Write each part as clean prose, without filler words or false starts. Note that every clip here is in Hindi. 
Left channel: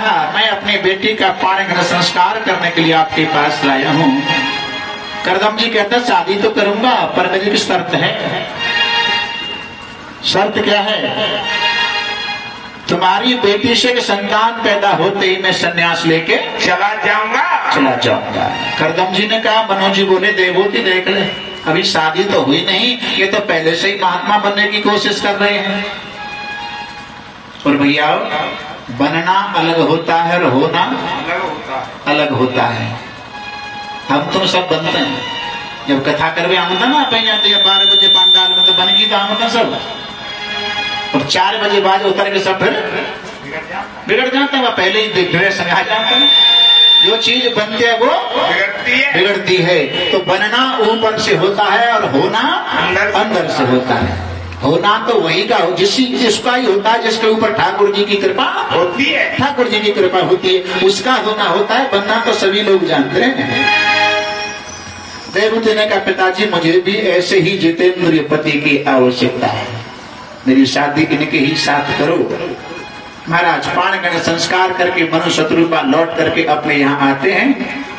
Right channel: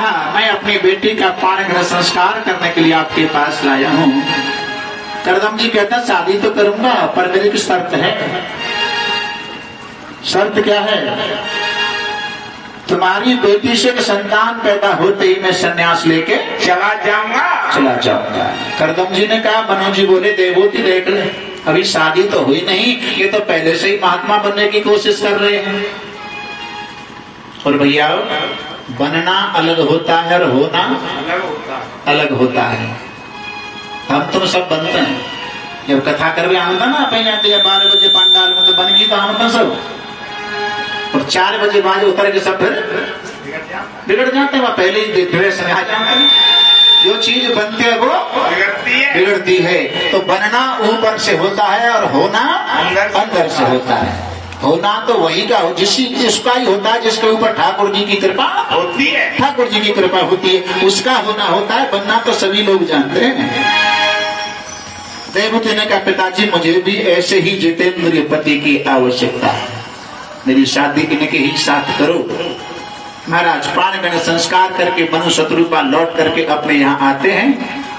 कहा मैं अपनी बेटी का पाणिग्रहण संस्कार करने के लिए आपके पास लाया हूँ। करदम जी कहता शादी तो करूंगा पर मेरी भी शर्त है। शर्त क्या है? तुम्हारी बेटी से संतान पैदा होते ही मैं संन्यास लेके चला जाऊंगा। करदम जी ने कहा, मनोज जी बोले देवभूति देख ले, अभी शादी तो हुई नहीं, ये तो पहले से ही महात्मा बनने की कोशिश कर रहे हैं। और भैया बनना अलग होता है और होना अलग होता है। हम तो सब बनते हैं। जब कथा करवे आमता ना पहले 12 बजे पंडाल में तो बनेगी तो आमता सब, और 4 बजे बाद उतर के सब फिर बिगड़ जाता है। पहले ही ड्रेस में आ जाता है। जो चीज बनती है वो बिगड़ती है। तो बनना ऊपर से होता है और होना अंदर से होता है। होना तो वही का हो जिसका ही होता है जिसके ऊपर ठाकुर जी की कृपा होती है। ठाकुर जी की कृपा होती है उसका होना होता है। बनना तो सभी लोग जानते हैं। देवभूति ने कहा, पिताजी मुझे भी ऐसे ही जितेंद्रिय पति की आवश्यकता है, मेरी शादी इनके ही साथ करो। महाराज पाणिग्रहण संस्कार करके मनुशत्रु का लौट करके अपने यहाँ आते हैं।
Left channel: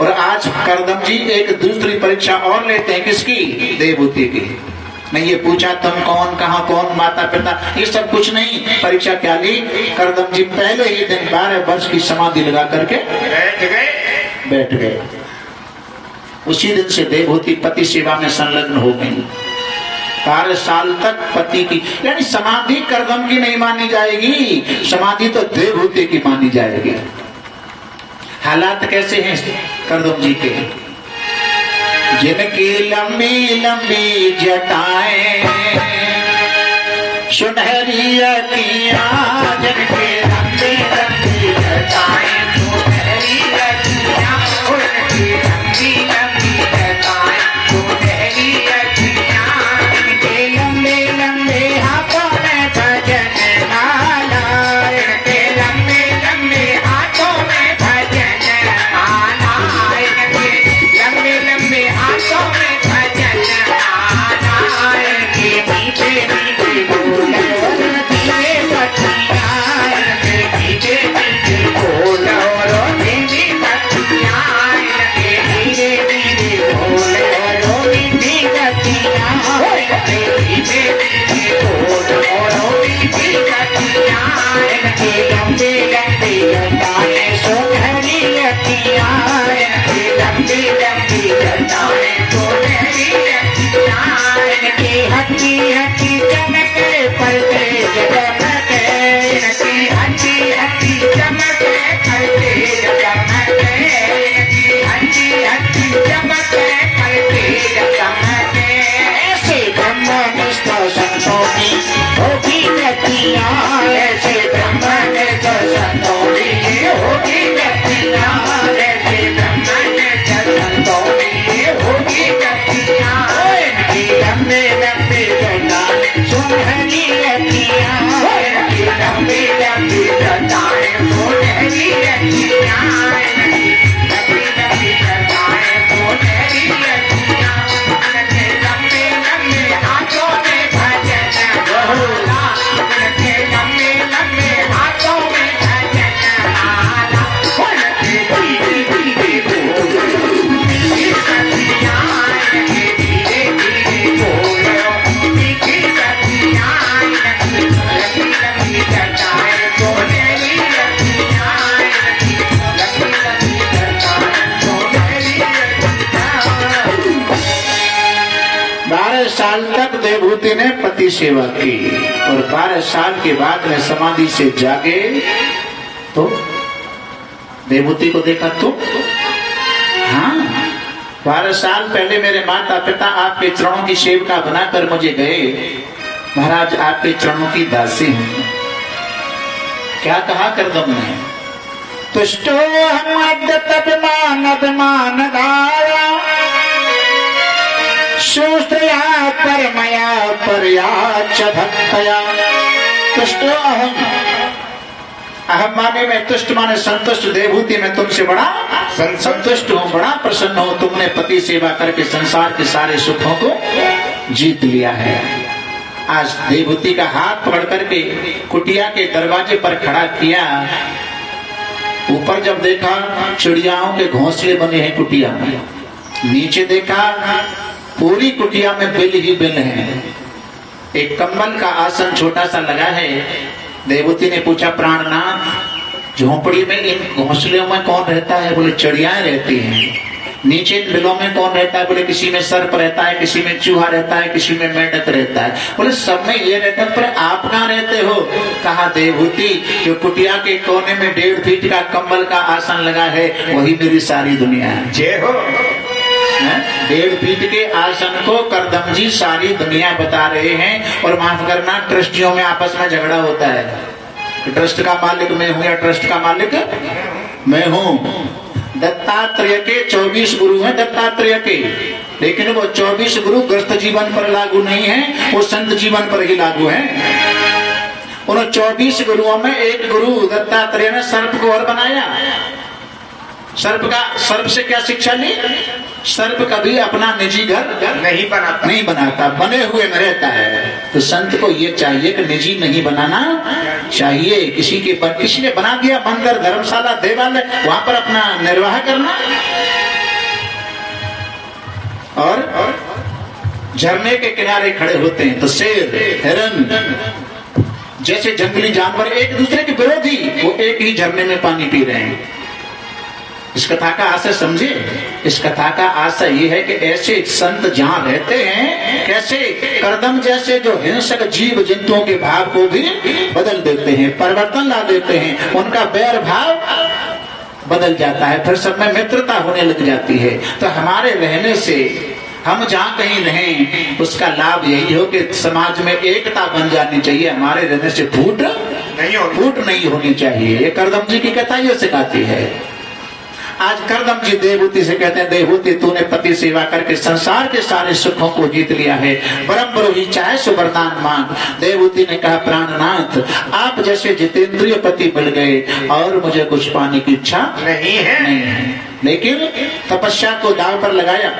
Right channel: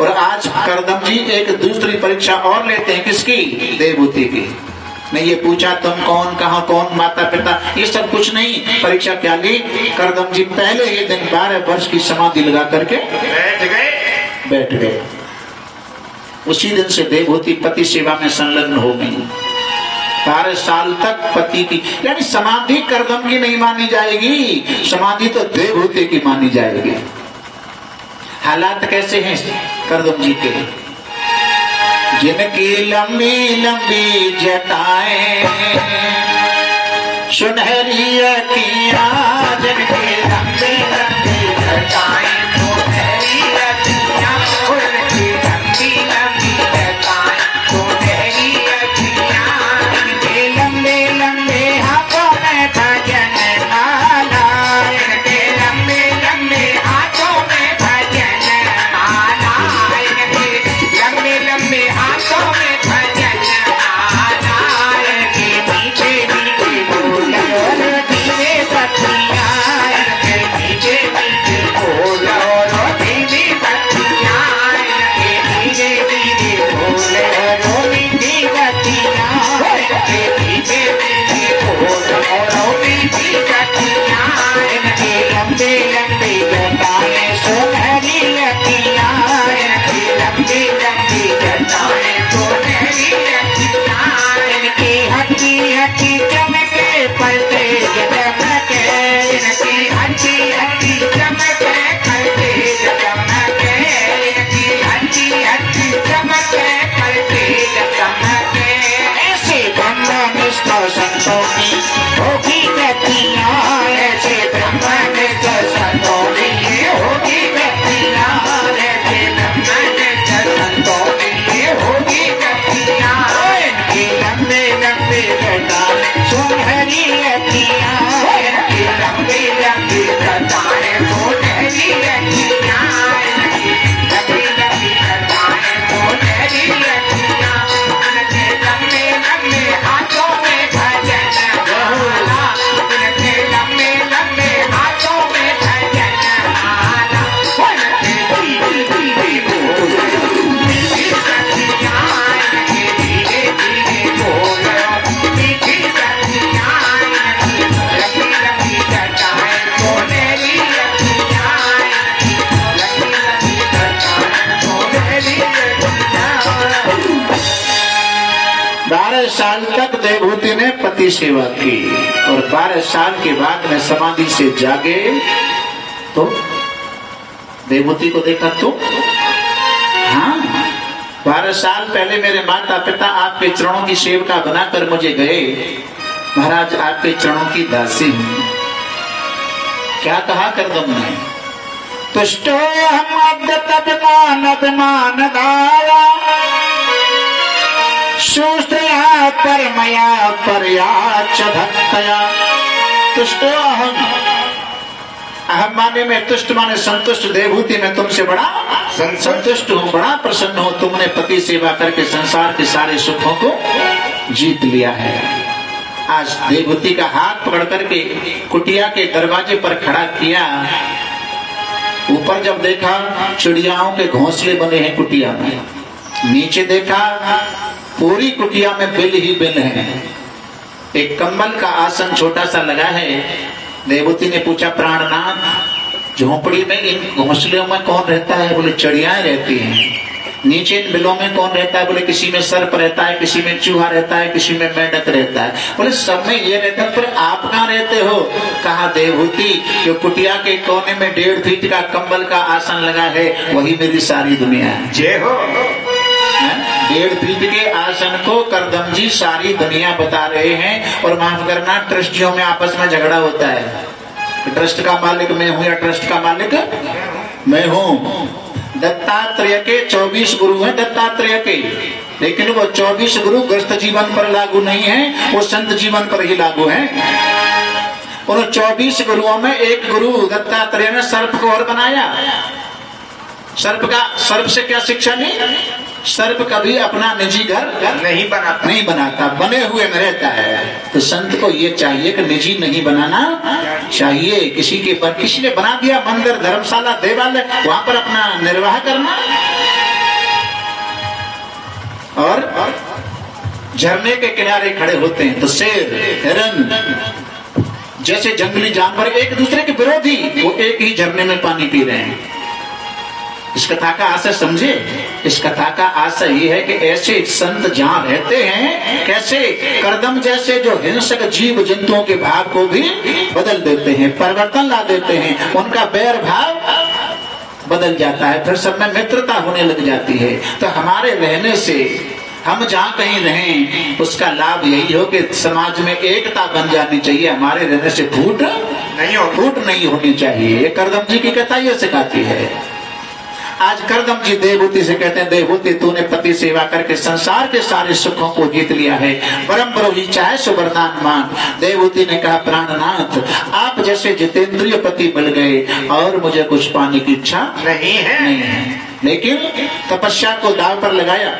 और आज करदम जी एक दूसरी परीक्षा और लेते हैं। किसकी? देवभूति की। मैं ये पूछा तुम कौन, कहाँ, कौन, माता पिता, ये सब कुछ नहीं। परीक्षा क्या ली? करदम जी पहले ही दिन 12 वर्ष की समाधि लगा करके बैठ गए। उसी दिन से देवभूति पति सेवा में संलग्न हो गई। 12 साल तक पति की, यानी समाधि करदम की नहीं मानी जाएगी, समाधि तो देवभूति की मानी जाएगी। हालात कैसे हैं करदम जी के? जिनकी लंबी लंबी जटाएं सुनहरी अखियां, जिनकी लंबी लंबी जटाएं सुनहरी अखियां, उनकी लंबी लंबी जटाएं सुनहरी अखियां, जिनके लंबे लंबे हाथों में भजन माला, इनके लंबे लंबे हाथों में भजन माला, इनके लंबे लंबे हाथों में भजन माला, इनके पीछे पीछे बोल धीरे पतिया, इनके पीछे पीछे बोल धीरे पतिया, इनके धीरे धीरे बोल मीठी पतिया, इनके पीछे पीछे बोल मीठी पतिया, इनके लंबे लंबे जटाएं सुनहरी अखियां, इनके लंबे लंबे जटाएं सुनहरी अखियां, इनकी हंसी हंसी चमके पड़ते चमके, इनकी हंसी हंसी चमके पड़ते चमके, इनकी हंसी हंसी चमके पड़ते चमके, ऐसे ब्रह्मनिष्ठ संतों की होगी गतियां, ऐसे ब्रह्मनिष्ठ संतों की होगी गतियां, ऐसे ब्रह्मनिष्ठ संतों की होगी गतियां, इनकी लंबे लंबे जटाएं सुनहरी अखियां, इनकी लंबे लंबे जटाएं सुनहरी अखियां, इनकी लंबी लंबी जटाएं सुनहरी अखियां, इनके लंबे लंबे हाथों में भजन माला, इनके लंबे लंबे हाथों में भजन माला, इनके धीरे धीरे बोल मीठी पतिया, इनके धीरे धीरे बोल मीठी पतिया, इनकी लंबी लंबी जटाएं सुनहरी अखियां, इनकी लंबी लंबी जटाएं सुनहरी अखियां। 12 साल तक देवभूति ने पति सेवा की और 12 साल के बाद में समाधि से जागे तो देवभूति को देखा तो हाँ 12 साल पहले मेरे माता पिता आपके चरणों की सेविका बनाकर मुझे गए, महाराज आपके चरणों की दासी हूँ। क्या कहा करदम ने? तुष्टो हम अभिमान सुस्त्रिया परमया पर्याच भक्तया, तुष्टो अहम माने में तुष्ट माने संतुष्ट, देवभूति में तुमसे बड़ा संतुष्ट हूँ, बड़ा प्रसन्न हूँ। तुमने पति सेवा करके संसार के सारे सुखों को जीत लिया है। आज देवभूति का हाथ पकड़ करके कुटिया के दरवाजे पर खड़ा किया ऊपर जब देखा चिड़ियाओं के घोंसले बने हैं कुटिया में, नीचे देखा पूरी कुटिया में बिल ही बिल है। एक कंबल का आसन छोटा सा लगा है। देवहूति ने पूछा, प्राणनाथ झोपड़ी में इन घोंसलों में कौन रहता है? बोले चिड़ियाएं रहती हैं। नीचे इन बिलों में कौन रहता है? बोले किसी में सर्प रहता है, किसी में चूहा रहता है, किसी में मेंढक रहता है। बोले सब में ये रहता है, पर आप कहाँ रहते हो? कहा, देवहूति जो कुटिया के कोने में 1.5 फीट का कंबल का आसन लगा है वही मेरी सारी दुनिया है। जय हो। 1.5 फीट के आसन को करदम जी सारी दुनिया बता रहे हैं। और माफ करना, ट्रस्टियों में आपस में झगड़ा होता है। ट्रस्ट का मालिक मैं हूँ या ट्रस्ट का मालिक मैं हूँ। दत्तात्रेय के 24 गुरु हैं दत्तात्रेय के, लेकिन वो 24 गुरु गृहस्थ जीवन पर लागू नहीं है, वो संत जीवन पर ही लागू हैं। उन 24 गुरुओं में एक गुरु दत्तात्रेय ने सर्प को और बनाया। सर्प से क्या शिक्षा ली? सर्प कभी अपना निजी घर नहीं बनाता, बने हुए में रहता है। तो संत को ये चाहिए कि निजी नहीं बनाना चाहिए। किसी ने बना दिया मंदिर, धर्मशाला, देवालय, वहां पर अपना निर्वाह करना। और झरने के किनारे खड़े होते हैं तो शेर, हिरन जैसे जंगली जानवर एक दूसरे के विरोधी, वो एक ही झरने में पानी पी रहे हैं। इस कथा का आशय समझे। इस कथा का आशय ये है कि ऐसे संत जहाँ रहते हैं, कैसे करदम जैसे जो हिंसक जीव जंतुओं के भाव को भी बदल देते हैं, परिवर्तन ला देते हैं, उनका बैर भाव बदल जाता है, फिर सब में मित्रता होने लग जाती है। तो हमारे रहने से हम जहाँ कहीं रहें उसका लाभ यही हो कि समाज में एकता बन जानी चाहिए। हमारे रहने से फूट नहीं होनी चाहिए। ये करदम जी की कथा ये सिखाती है। आज करदम जी देवहूति से कहते हैं, देवहूति तूने पति सेवा करके संसार के सारे सुखों को जीत लिया है, परम प्रभु चाहे सुवरदान मान। देवहूति ने कहा, प्राणनाथ आप जैसे जितेंद्रिय पति मिल गए और मुझे कुछ पाने की इच्छा नहीं है। लेकिन तपस्या को दांव पर लगाया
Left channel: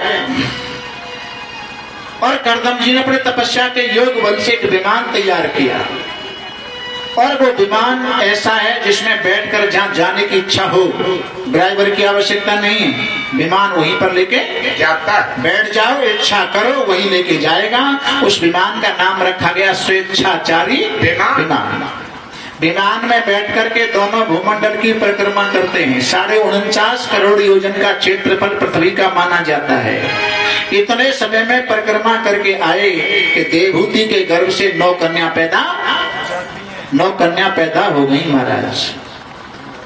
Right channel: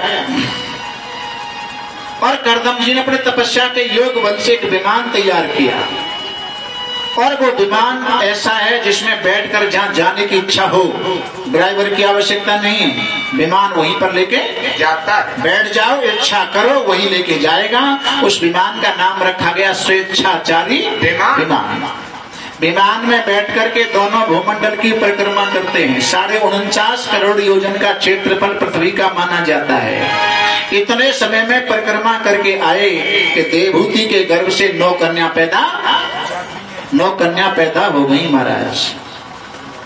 और करदम जी ने अपने तपस्या के योग बल से एक विमान तैयार किया। और वो विमान ऐसा है जिसमें बैठकर जहाँ जाने की इच्छा हो, ड्राइवर की आवश्यकता नहीं है, विमान वहीं पर लेके जाता है। बैठ जाओ, इच्छा करो, वहीं लेके जाएगा। उस विमान का नाम रखा गया स्वेच्छाचारी विमान। विमान में बैठ करके दोनों भूमंडल की परिक्रमा करते हैं। 49.5 करोड़ योजन का क्षेत्रफल पृथ्वी का माना जाता है। इतने समय में परिक्रमा करके आए कि देवहूति के गर्भ से 9 कन्या पैदा हो गई। महाराज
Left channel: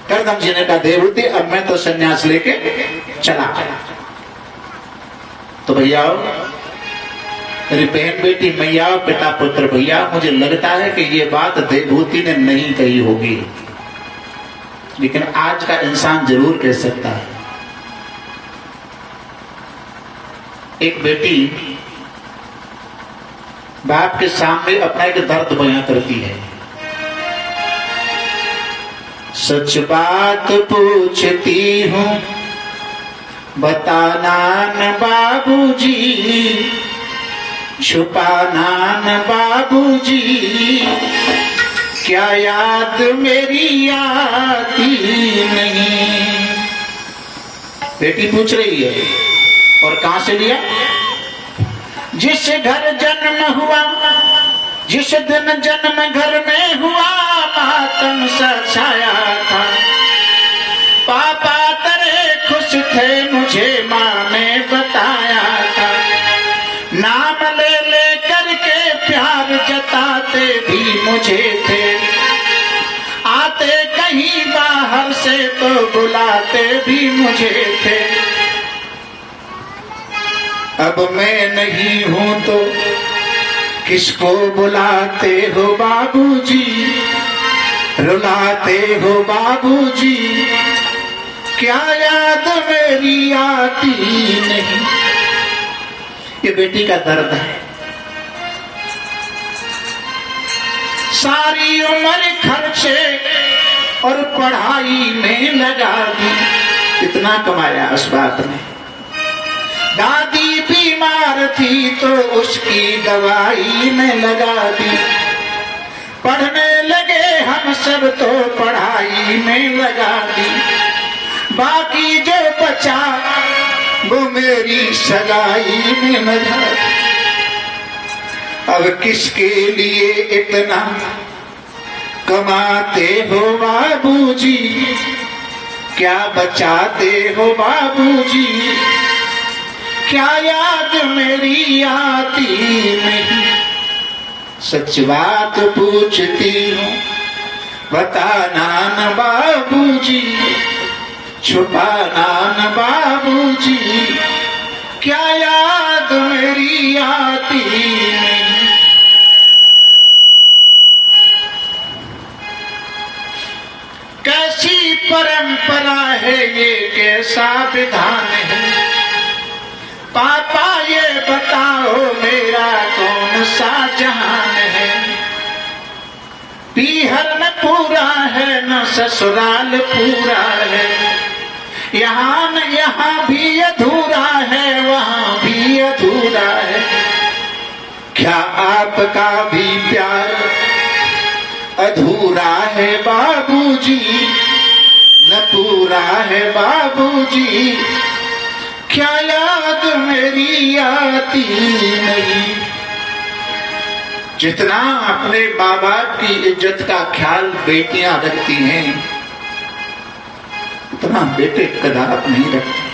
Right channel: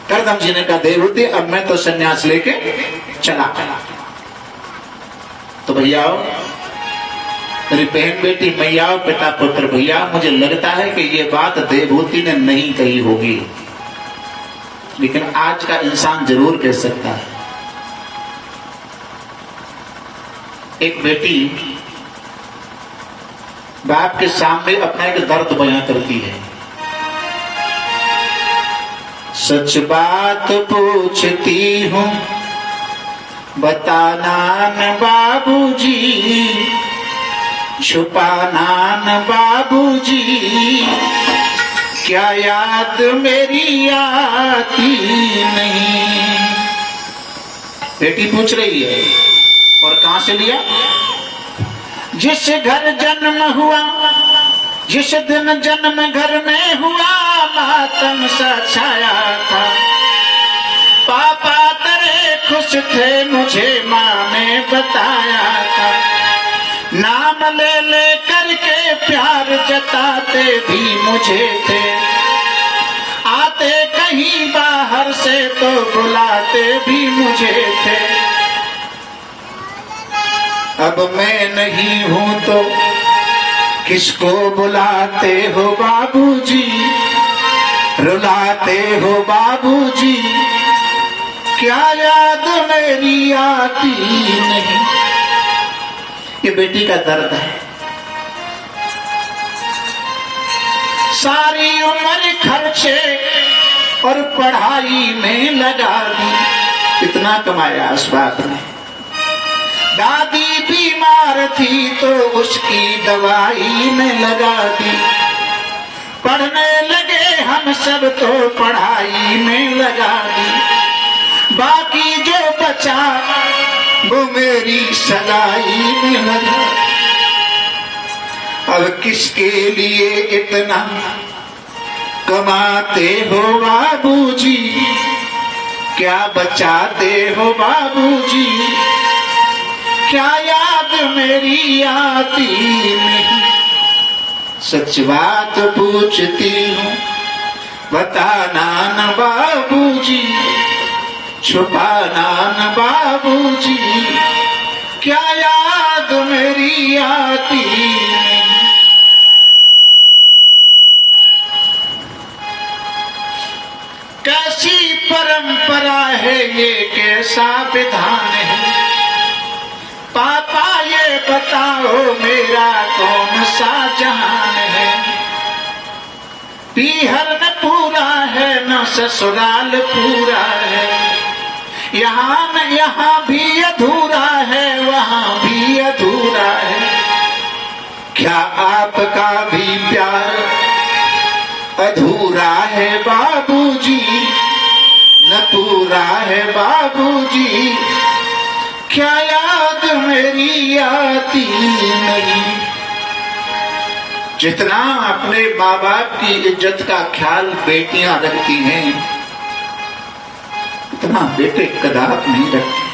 करदम जी ने कहा, देवहूति अब मैं तो संन्यास लेके चला। तो भैया, मेरी बहन बेटी मैया, पिता पुत्र भैया, मुझे लगता है कि ये बात देवहूति ने नहीं कही होगी, लेकिन आज का इंसान जरूर कह सकता है। एक बेटी बाप के सामने अपना एक दर्द बयां करती है। सच बात पूछती हूँ बताना न बाबूजी, छुपाना न बाबूजी, क्या याद मेरी आती नहीं। बेटी पूछ रही है। और कहाँ से लिया? जिस घर जन्म हुआ, जिस दिन जन्म घर में हुआ, मातम सा छाया था। पापा तेरे खुश थे, मुझे माँ ने बताया था। नाम ले ले करके प्यार जताते भी मुझे थे। आते कहीं बाहर से तो बुलाते भी मुझे थे। अब मैं नहीं हूँ तो किसको बुलाते हो बाबूजी, रुलाते हो बाबूजी, क्या याद मेरी आती नहीं। ये बेटी का दर्द है। सारी उम्र खर्चे और पढ़ाई में लगा दी, इतना कमाया उस बात में। दादी बीमार थी तो उसकी दवाई में लगा दी। पढ़ने लगे हम सब तो पढ़ाई में लगा दी। बाकी जो बचा वो मेरी सगाई में लगा। अब किसके लिए इतना कमाते हो बाबूजी, क्या बचाते हो बाबूजी, क्या याद मेरी आती नहीं। सच बात पूछती हूँ बताना न बाबूजी, छुपाना न बाबूजी, क्या याद मेरी आती नहीं। कैसी परंपरा है ये, कैसा विधान है, पापा ये बताओ मेरा कौन सा जहान है। पीहर में पूरा है न ससुराल पूरा है, यहाँ न यहाँ भी अधूरा है वहाँ भी अधूरा है। क्या आपका भी प्यार अधूरा है बाबूजी, न पूरा है बाबूजी, क्या याद मेरी आती नहीं। जितना अपने माँ बाप की इज्जत का ख्याल बेटियां रखती हैं, उतना बेटे कदाप नहीं रखते।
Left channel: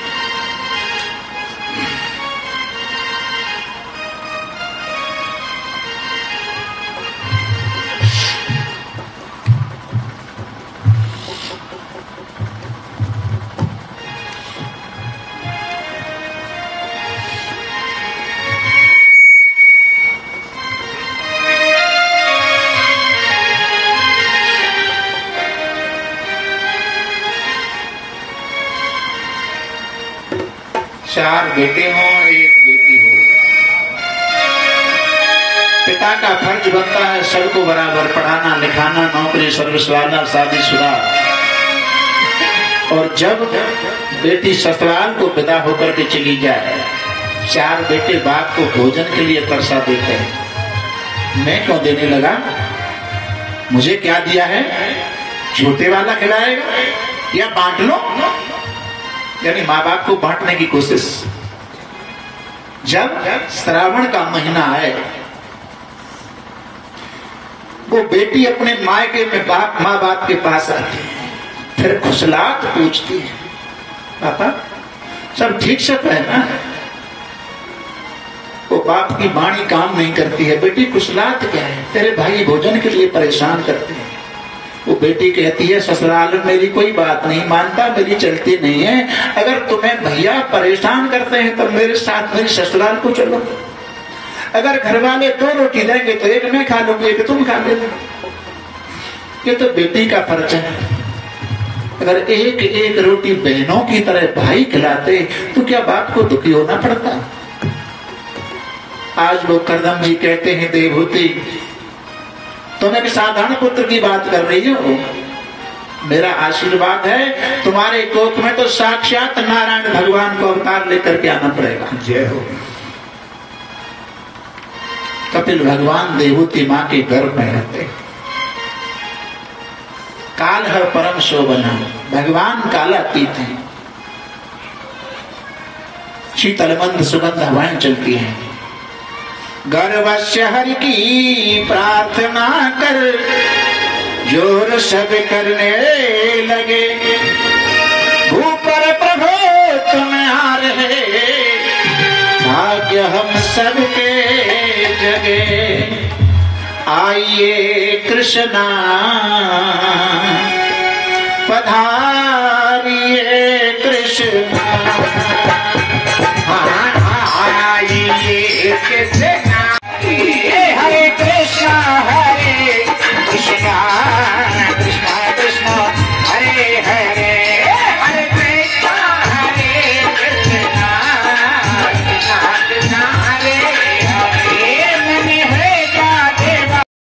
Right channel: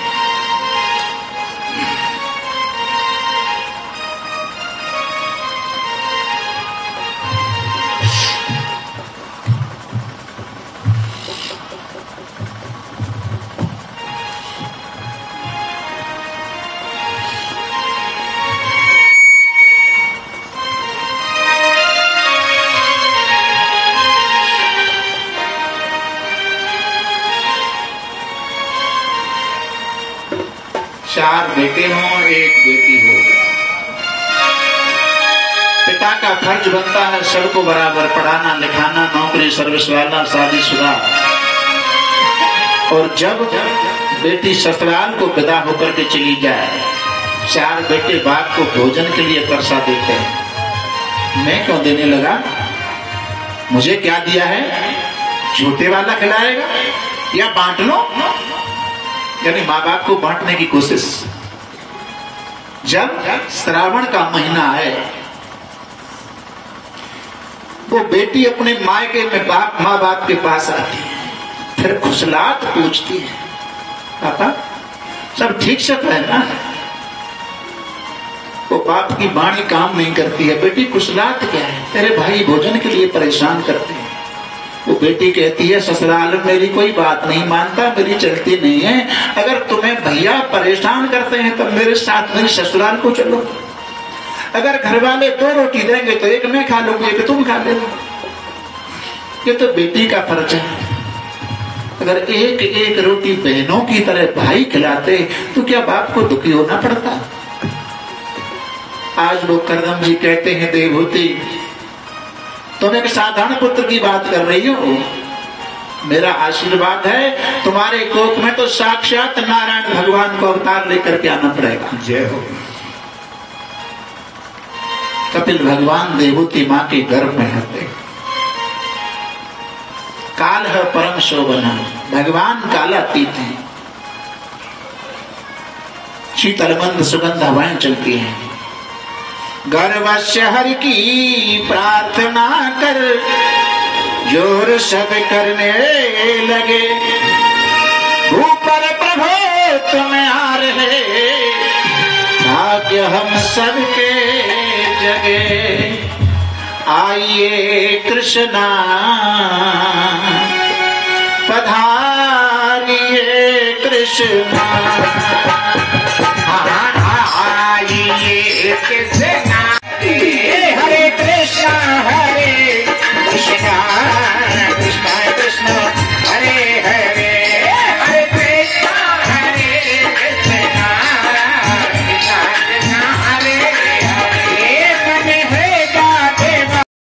चार बेटे हों एक बेटी हो, पिता का फर्ज बनता है सबको बराबर पढ़ाना लिखाना, नौकरी सर्विस वाला, शादीशुदा। और जब बेटी ससुराल को विदा होकर के चली जाए, चार बेटे बाप को भोजन के लिए तरसा देते हैं। मैं क्यों देने लगा, मुझे क्या दिया है, छोटे वाला खिलाएगा या बांट लो। यानी माँ बाप को बांटने की कोशिश। जब श्रावण का महीना आए, वो बेटी अपने मायके में माँ बाप के पास आती है, फिर खुशलात पूछती है, पापा सब ठीक से पहना है। वो बाप की वाणी काम नहीं करती है, बेटी खुशलात क्या है, तेरे भाई भोजन के लिए परेशान करती है। वो बेटी कहती है ससुराल मेरी कोई बात नहीं मानता, मेरी चलती नहीं है, अगर तुम्हें भैया परेशान करते हैं तो मेरे साथ मेरी ससुराल को चलो। अगर घर वाले 2 रोटी देंगे तो एक मैं खा लूंगी, एक तुम खा लेना। ये तो बेटी का फर्ज है। अगर एक एक रोटी बहनों की तरह भाई खिलाते तो क्या बाप को दुखी होना पड़ता। आज वो करदम जी कहते हैं देवहूति तुम एक साधारण पुत्र की बात कर रही हो, मेरा आशीर्वाद है तुम्हारे कोख में तो साक्षात नारायण भगवान को अवतार लेकर के आना पड़ेगा। जय हो। कपिल भगवान देवहूति माँ के गर्भ में रहते। काल है परम शोभना, भगवान कालातीत है। शीतलमंद सुगंध हवाएं चलती हैं। गर्वस्य हर की प्रार्थना कर जोर सब करने लगे, ऊपर प्रभु तुम आ रहे, भाग्य हम सबके जगे। आइए कृष्णा पधारिए कृष्णा।